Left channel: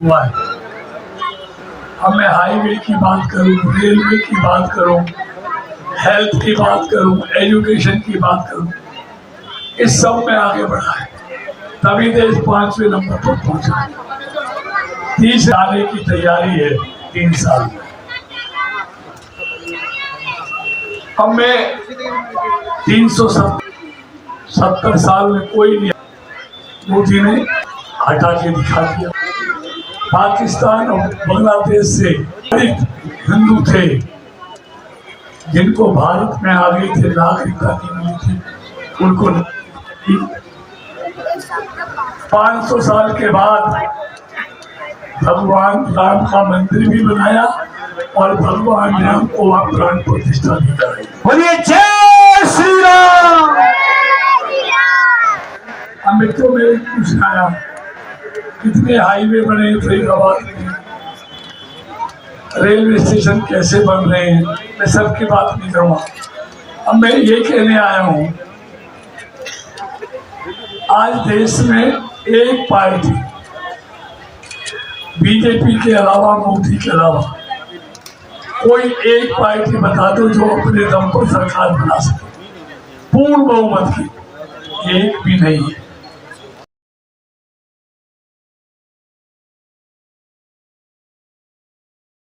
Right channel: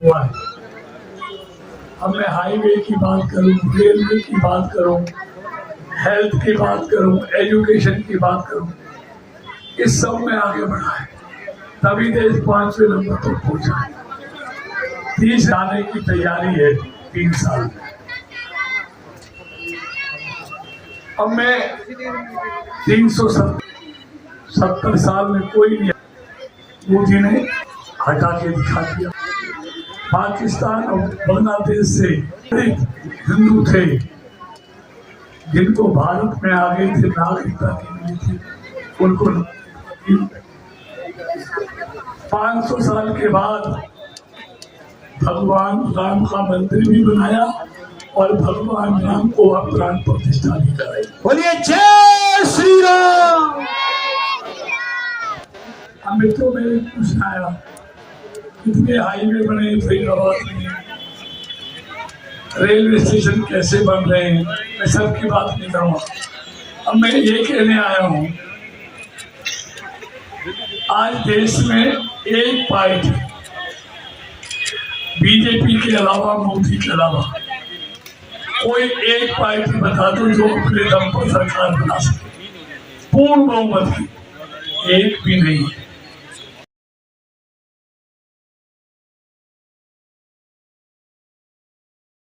हुआ है। अब मैं हाईवे की बात करूं, रेलवे की बात करूं, हेल्थ की बात करूं, एजुकेशन की बात करूं, इस सब में आगे बढ़ा है, तभी देश 5वें नंबर पर पहुंचा है। 30 आने की तैयारी है 3 साल में। अब मैं 370 साल में कोई नहीं, मोदी ने हटा के दिखा दिया। पाकिस्तान और बांग्लादेश से हिंदू थे जिनको भारत में आ गई थे, नागरिकता की मिली थी, उनको 500 साल के बाद भगवान राम का मंदिर भी बनाया और भगवान राम को वहां प्राण प्रतिष्ठा भी कराई। बोलिए जय श्री राम। हमें तो मेरे पूछना आया कितने हाईवे बने फरीदाबाद में, रेलवे स्टेशन कैसे बन रहे हैं, मैं सबकी बात नहीं करूँगा। अब मैं ये कहने आया हूँ, आज देश में एक पार्टी बीजेपी के अलावा, मोदी के अलावा कोई एक पार्टी बता दो जो अपने दम पर सरकार बना सके पूर्ण बहुमत की। एक भी नहीं है।